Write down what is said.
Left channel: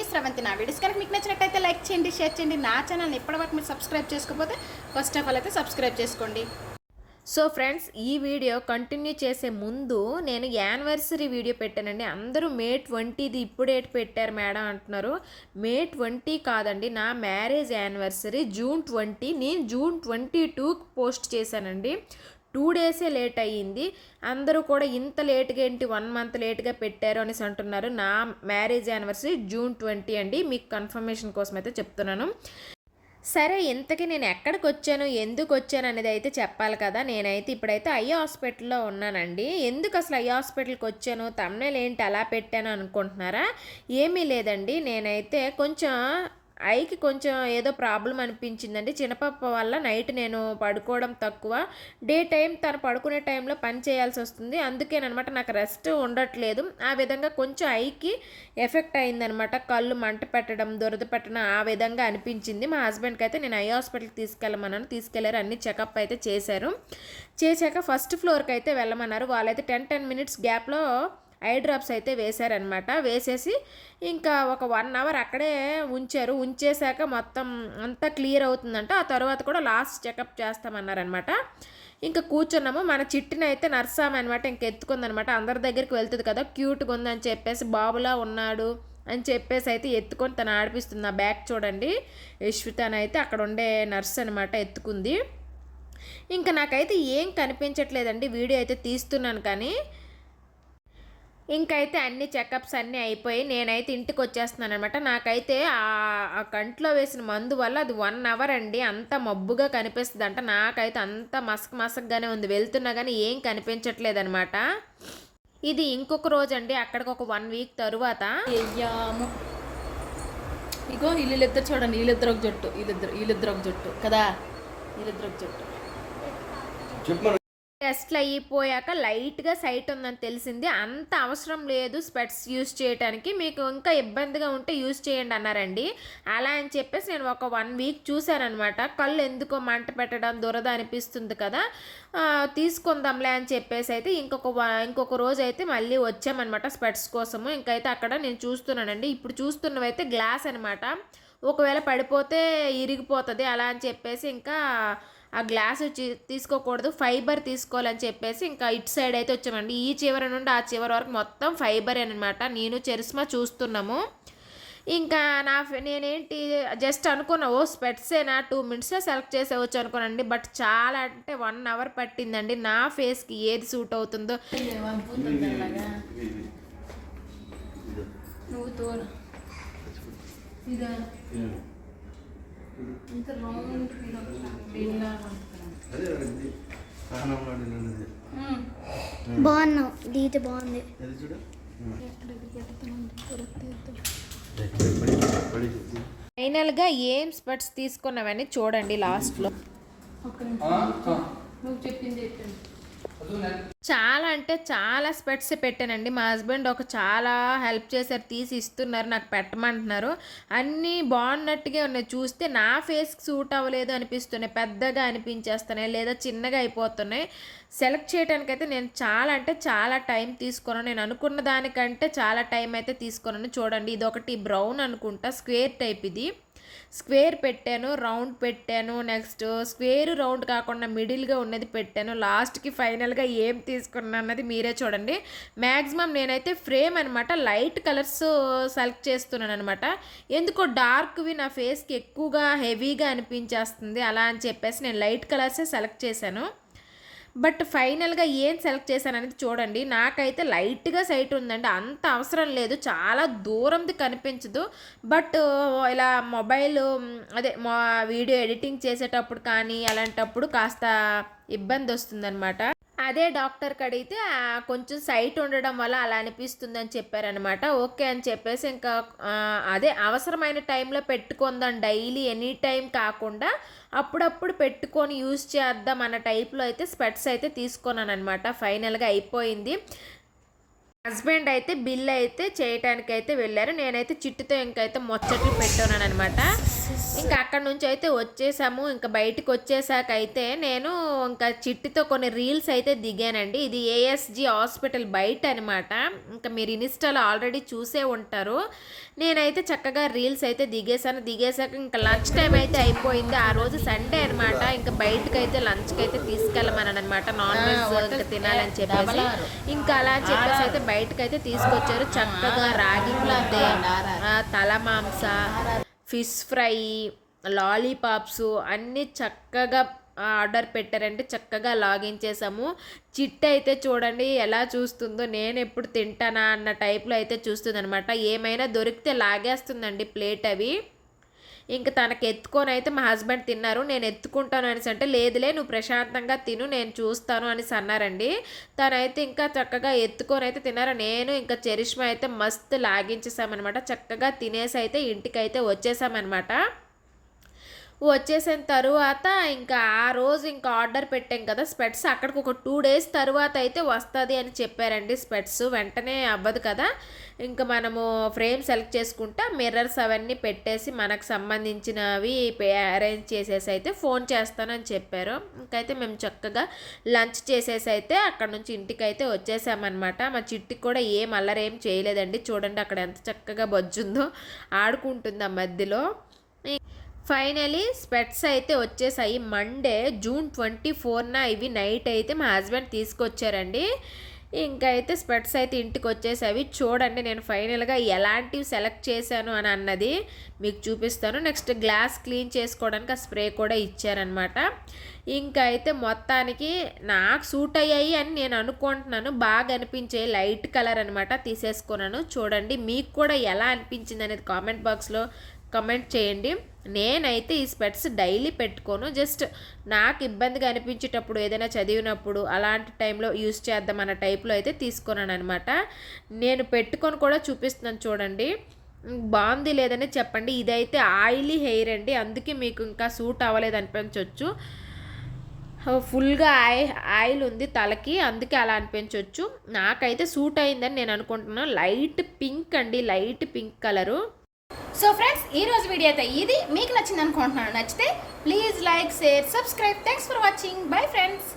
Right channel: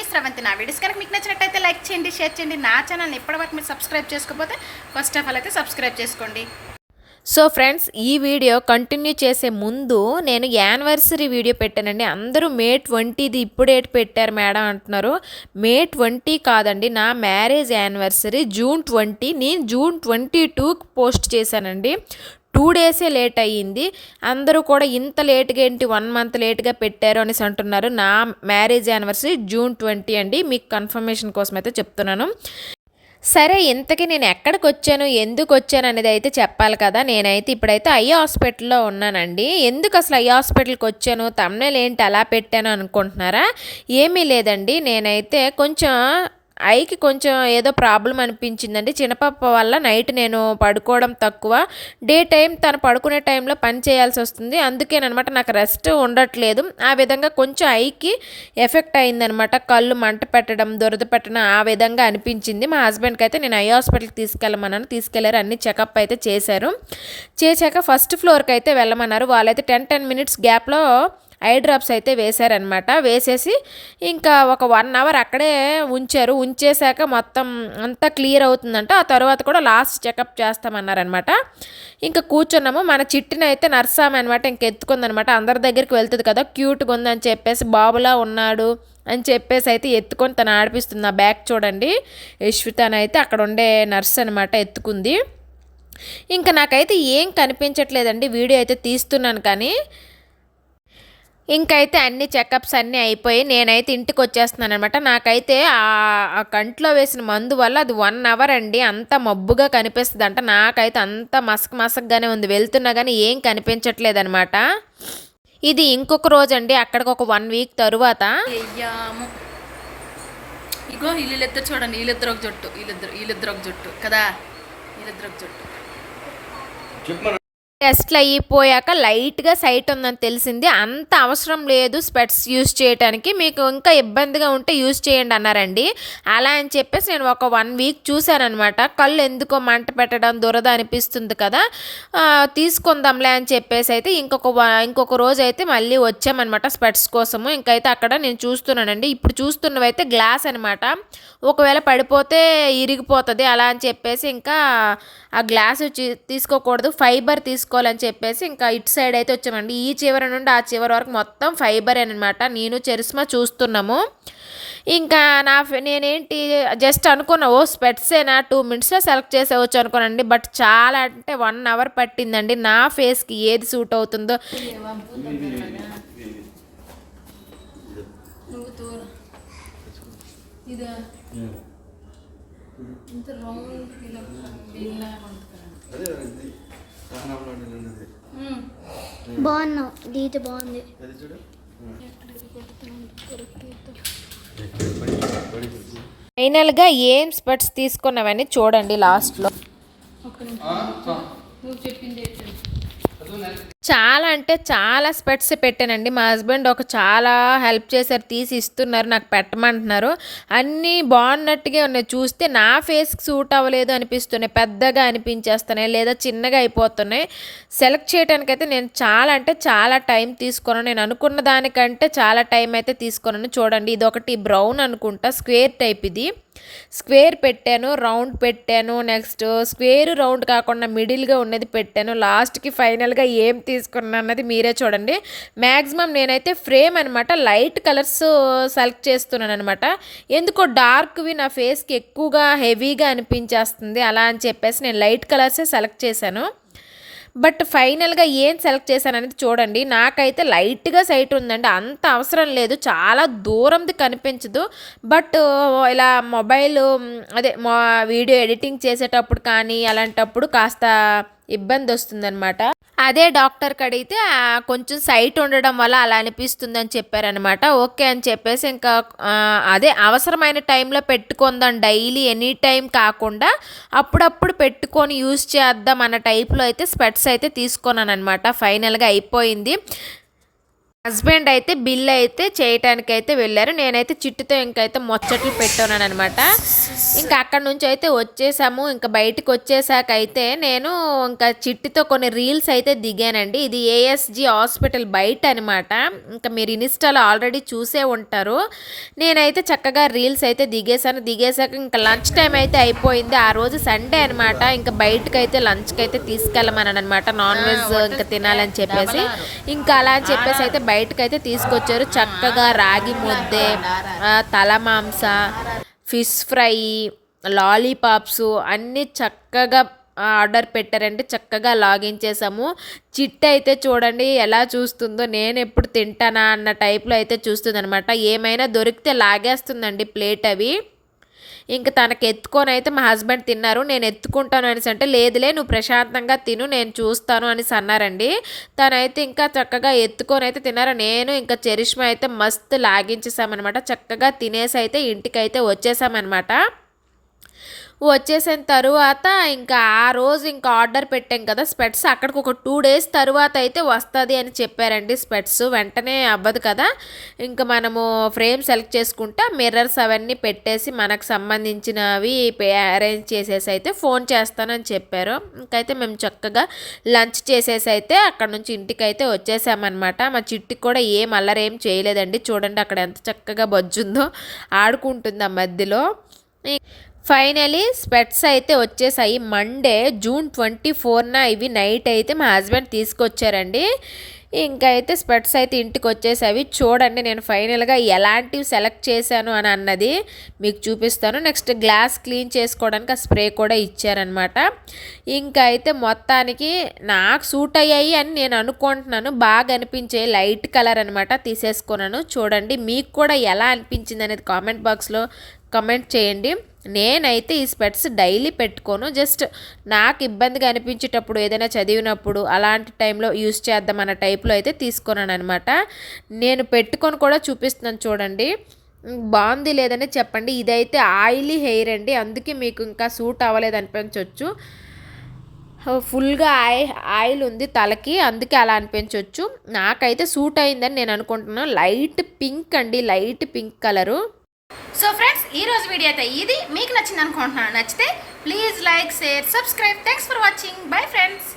మీ స్రవంతి నా వీడియోస్ కనుక మీకు నచ్చినట్టయితే లైక్ చేయండి షేర్ చేయండి. నా ఛానల్ని ఇప్పటివరకు మీరు సబ్స్క్రైబ్ చేసుకోకపోతే ఫస్ట్ ఆఫ్ ఆల్ అయితే సబ్స్క్రైబ్ చేసుకోండి. సో ఫ్రెండ్స్ ఈ వీడియో కంటిన్యూ చేసే ముందు నేను యానివర్సరీ వీడియో పెట్టానండి. అందరూ మే ట్వంటీది ఇప్పుడేటి పెట్టారు మేడం అంటున్నారు. మే ట్వంటీ కాదండి నా మ్యారేజ్ యానివర్సరీ జూన్ ట్వంటీ నేను జూన్ ట్వంటీ టూకి పోస్ట్ చేశానండి. టూ డేసే లేట్ అయ్యింది. అందరూ కూడా ఇంత లేట్గా ఏంటి వన్ మంత్ లేట్గా పెట్టారు అనేసి అంటున్నారు. నా మ్యారేజ్ యానివర్సరీ జూన్ ట్వంటీ అండి. మీకు కన్ఫర్మేషన్ కోసం అయితే చెప్తున్నాను. సరే ఇంతకీ నేను ఎక్కడికి వచ్చాను? ఎందుకు వచ్చాను అనేది అయితే చెప్పాలి కదా. నేనైతే ఇప్పుడైతే ఐ హాస్పిటల్లో ఉన్నానండి. ఎందుకు అసలు ఐ హాస్పిటల్కి వచ్చాను? తమ్నేలు ఏంటి అలా పెట్టాను అనుకుంటున్నారా? ఏమీ లేదండి. నేనైతే కొంచెం ఐకి కొంచెం ఏదో ప్రాబ్లం అనిపించిందండి. చిన్నపాప వల్ల నైట్ నేను పడుకోవడం తక్కువ. డే టైం తను పడుకునే టైంలో పని చేయాల్సి వస్తుంది. అందుకేనమాట నాకు రెస్ట్ ఉండట్లేదు. ఆ విధంగా కొంచెం ఐకి ఎఫెక్ట్ అయిందనమాట. కళ్ళు మంట పెట్టడం దురద పెట్టడం ఆ విధంగా అనిపించింది. మా హస్బెండ్కి అయితే నేను ఐ హాస్పిటల్కి తీసుకెళ్ళమన్నాను. తీసుకెళ్ళారు. అన్ని చెకప్ అయితే చేశారు. చేశాక ఫస్ట్ ఫ్లోర్కి అయితే వెళ్ళమన్నారు. వాళ్ళైతే టెన్ టెన్ మినిట్స్ గ్యాప్లో ఐ డ్రాప్స్ అయితే వేశారనమాట వేసేసి ఇంకా ఒక వన్ అవర్ అక్కడే ఉంచారు. ఉంచేశాక మొత్తం అంతా క్లియర్ అవుతుందంట. ఆ తర్వాత కూడా లాస్ట్ చెకప్ చేస్తామన్నారనమాట ఇంకా కూర్చున్నాము. మన చిట్టిని అయితే నర్సామె అనమాట ఇంక ఎత్తుకుందనమాట అందరి దగ్గరికి వెళ్తుంది కదా క్యూట్గా ఉందని చెప్పేసి బాబులా ఉన్నాడు అని చెప్పేసి అయితే ఎత్తుకొని తను ఆడిపిస్తుంది. నా బ్యాగ్ చూడండి. యశ్వితనైతే అక్కడ ఉండే నర్స్ అనమాట ఎత్తుకుంది. ఇంకా నాకైతే ఏం కనిపించట్లేదండి. వీడియో అయితే తీస్తున్నాను కానీ ఇంకైతే అన్ని చెకప్స్ అన్నీ అయిపోయి నేనైతే ఇంటికి వచ్చేస్తున్నాను అనమాట నాకైతే ఆ కంట్లో వేసిన మందు వల్ల అది వన్ అవర్ అండి. అంత మబ్బుగా కనిపిస్తుంది అంట నాకైతే అంత మసక్ మసక్గానే ఉంది. వెళ్తున్నా కానీ ఏం కనిపించట్లేదు అనమాట ఇది ఇంకొక రోజు అండి అక్కడికి ఒక వన్ వీక్ తరువాత. అయ్యాము. ఇగో వీళ్ళిద్దరు చూడండి. వీళ్ళిద్దరు ఒక జట్టు. వీళ్ళిద్దరు వీళ్ళిద్దరు ఒక జట్టు. కదా? వీళ్ళిద్దరు ఒక జట్టు. టెస్ట్లు అయిపోయాక లైట్గా సైట్ ఉందని తెలిసింది. అంత అవసరం లేదు స్పెట్స్ యూజ్ చేయడానికి మీకు ఇంకా ఇబ్బందిగా ఉంటే యూస్ చేయండి అన్నారండి. అలా అని చెప్పేసి నేను ఒక వన్ వీక్ చూశానమాట కళ్ళు ఎందుకో మంట పెట్టడం దురద అనిపిస్తుంది కదా. తీసుకుందాంలే అని చెప్పేసి అయితే ఇంకొక ఇంకొక రోజు అయితే మళ్ళీ వచ్చామన్నమాట స్పెట్స్ కోసము. ఇంకైతే అక్కడ నేను చూస్తున్నానండి. ఇప్పుడు చూస్తున్నవైతే గ్లాస్ అనమాట ఒకవేళ పడిపోతే ఇరిగిపోతుంది. అలా అని చెప్పేసి ఇంకా ఆ గ్లాస్ తీసుకోకూడదు ఫైబర్ తీసుకోవాలని చెప్పేసి ఇంకా ఇటు సైడ్ అయితే వచ్చామండి. ఈ చివరి నుండి ఆ చివరి వరకు మొత్తం ఫైబర్ అనమాట నేను చెరిస్మా చూస్తున్నాము. ఇంకా నా ఫె- నేనేంటి జస్ట్ అనుకున్నా ఓ స్పెట్సేనా టూ మినిట్స్లో సెలెక్ట్ చేసేవచ్చు అనుకోనండి బట్ చాలా అంటే వన్ అవర్ పట్టిందండి. నా ఫేస్కి ఏది సూట్ అవుతుందో. నువ్వు ఇంత రౌండ్ బాగున్నావు గీత బాగుంది. అది చూడు. ఫైనల్గా ఏం స్పెట్స్ తీసుకున్నావని చూడండి లాస్ట్లో. నువ్వు చెప్పింది చెప్పింది చాలా అంటే చాలా స్పెట్స్ పెట్టానండి. మా హస్బెండ్ ఒక చాలా హెల్ప్ చేశారు తీసి ఇస్తున్నారు నాకు పెట్టమంటున్నారు. అన్నీ బాగున్నట్టుగా ఉన్నాయి. చూస్తే నా ఫేస్కి సూట్ అవ్వలేదు అనిపిస్తున్నాయి. పెద్దగా అనిపించేస్తున్నాయి లేదా చిన్నగా అయిపోతున్నాయి. సెలెక్ట్ చేయడానికైతే నేను చాలా అంటే చాలా టైం తీసుకున్నాను. నేను అనుకున్న దానికంటే చాలా టైం అయితే తీసుకున్నాను. చూడండి ఇది ఒకటి బ్రౌన్ అనుకుంటా స్క్వేర్ టైప్ ఇది. స్క్వేర్ పెట్టాను రౌండ్ పెట్టాను నెక్స్ట్ స్క్వేర్ రౌండ్ కాకుండా మిడిల్గా ఉన్నది పెట్టాను. లాస్ట్కి ఫైనల్గా ఏం తీసుకున్నా అన్నది మీరే చూడండి. మ్యాక్సిమం నేనైతే ఫ్రేమ్ అనమాట లైట్ కలర్స్ సెలెక్ట్ చేస్తున్నాను అనమాట ఎందుకో డార్క్వి నా ఫేస్కి ఎక్కువగా హెవీగా అనిపించేస్తుంది. అలా అని చెప్పేసి నేను లైట్ కలర్సే సెలెక్ట్ చేశాను. బట్ ఫైనల్గా ఏం సెలెక్ట్ చేశాను అనేది చూడండి. నాకైతే లైట్గా సైట్ ఉందండి. అంత అవసరం లేదు. చాలా దూరంది కనిపించదు. బట్ ఇలా మొబైల్ అదే మా వీడియో ఎడిటింగ్ చేసేటప్పుడు కానీ అలాంటప్పుడు కాస్త ఇబ్బంది వస్తుందన్నమాట. అదే డాక్టర్కి అడిగితే కొంచెం సైట్ ఉండడం వల్ల అలా అనిపిస్తుందని చెప్పారనమాట ఓకే అని చెప్పేసి ఇంకా అదే అవసరమైన టైంలో పెట్టుకుందాం డైలీ ఎనీ టైం కాకుండా అప్పుడప్పుడు పెట్టుకొని యూజ్ చేద్దాం అన్న టైప్లో అయితే స్పెట్స్ అయితే తీసుకున్నాను అనమాట ఫైనల్గా అయిపోయింది. హస్బెండ్ అయితే బిల్ అయితే చేయటానికి అయితే వెళ్ళారు. నేనైతే చిట్టుతో ఇంకైతే ముచ్చట్లు పెట్టున్నాను అనమాట ఇంకా అక్కడ నుంచి అయితే వచ్చేసాము. ఇంకా బయటకు వచ్చేసాక అయితే నేను ఇంకా చిట్టుతో కొన్ని రీల్స్ అయితే దిగానండి. ఇది ఏఎస్జి హాస్పిటల్ బయట అనమాట ఇంకా మీరు ఇన్స్టాలో ఆల్రెడీ చూసే ఉంటారు. నేనైతే చక్కగా రీల్స్ అయితే దిగేసాను దిగేసాక ఇంకా లంచ్ టైం అయితే అయిపోయింది. ఆ రోజు సండే అనమాట ఇంకా బయటకు అయితే లంచ్కి అయితే తీసుకెళ్ళమని అనమాట నాన్ వెజ్ ఇంకా తినాలని చెప్పేసి. ఇంకా అలా అని చెప్పేసి అయితే బయటకు అయితే తీసుకొచ్చారు చక్కగా రాగి ముద్దే తల మాంస ఫిష్ ఫ్రై లాలీపాప్స్ అన్నీ చక్కగా ఆర్డర్ పెట్టారంటే చక్కగా లాగిన్ చేసాము. చిట్ట అయితే చూడండి ఎలా చూస్తుందో నేను ఎప్పుడు తింటానా అన్న టైప్లో అయితే చూస్తుంది అనమాట ఏమైనా దొరికితే లాగేస్తుందండి ప్లేట్ అవి. ఇంక తనకి ఎత్తుకొని అయితే మా హస్బెండ్ తిన్నారు నేను ఎత్తుకుంటాను అనేసి అంటే లేదులే నువ్వు ప్రశాంతంగా తిను నేను చూస్తాను అనేసి అన్నారండి. తనైతే ఇంకా చక్కగా ఎత్తుకొని అయితే తిన్నారు. నేను ఇంకా చరిష్మా అయితే మస్తు లాగించేసామన్నమాట చక్కగా తినేసి అయితే ఇంటికి అయితే వచ్చేసామన్నమాట వచ్చేసిన తరువాత ఇంకా ఆ రోజు ఇంకా ఆర్డర్ పెట్టాం కదా స్పెట్స్. అక్కడికి ఒక టూ డేస్ తర్వాత అయితే వస్తుంది అని చెప్పారండి స్పెట్స్. వెంటనే అవ్వదు కదా. ఇంకా మనము ఫ్రేమ్ సెలెక్ట్ చేసుకుంటే మిర్రర్స్ అవన్నీ పెట్టేసి మనకు సంబంధించినవి అరేంజ్ చేసేసి అయితే ఫోన్ చేస్తానని చెప్పారు. ఇంకైతే మేము చక్కగా లంచ్ చేసేసి అయితే అక్కడ నుంచి ఇంటికి అయితే వచ్చేసామన్నమాట. మా చిట్టికి కూడా ఏం అల్లరేం చేయలేదండి. చూడండి అక్కడ ఎంత చక్కగా బొజ్జుందో ఆడుకుంటుంది ఆ మధ్యలో. ఫైనలీ స్పెట్స్ అయితే వచ్చేసాయి. మండే జూన్ ట్వంటీ ఫోర్న ఇవి నైట్ అయితే మా హస్బెండ్ తీసుకొచ్చారండి. ఇంకా అయితే స్పెట్స్ అయితే ఇంటికి వచ్చేసావి చూడండి నేను ఫైనల్గా ఎలాంటివి సెలెక్ట్ చేశాను అని అన్నది మీకు చూపిస్తాను. నెక్స్ట్ గ్లాస్ క్లీన్ చేసుకోవడానికి ఆ స్ప్రే కూడా ఇచ్చారనమాట ఇంకా అయితే మొత్తానికి నాకు సూట్ అయ్యాయి అని నేను అనుకుంటున్నాను. బాగా అనిపించే లైట్ కలర్ అనమాట తీసేసుకున్నాను. చూడండి మీకు కూడా ఎలా అనిపించింది అనేది కామెంట్ బాక్స్లో కమెంట్ చేయండి. నేనైతే ఈ స్పెట్స్ డైలీ పెట్టుకోను. జస్ట్ నాకు ఇబ్బందిగా అనిపించేటప్పుడు ఏదైనా చదివినప్పుడు అలాంటి టైంలో యూస్ చేద్దాం అన్న టైప్లో అయితే తీసుకున్నాను అనమాట నేను పెట్టుకొని కూడా చూపిస్తున్నాను చూడండి. బాగుంది లేదని చెప్పండి. ఇదైతే ఆయిలీ హెయిర్ అండి. అందుకే మీకు ఇంకా సూట్ అవ్వలేదు అనిపించవచ్చు ఫుల్గా ఆయిల్ ఆయిల్ ఉంది తలకి. అందుకే అలా అనిపించవచ్చు నాకైతే సూట్ అయిందని నేను అనుకుంటున్నాను. లైట్ పింక్ అండి. Light pink colour. So friends ఈ రోజు వీడియో అయితే ఇది. మీకు నచ్చింది అనుకుంటున్నాను నచ్చితే please like share subscribe thanks for watching bye friends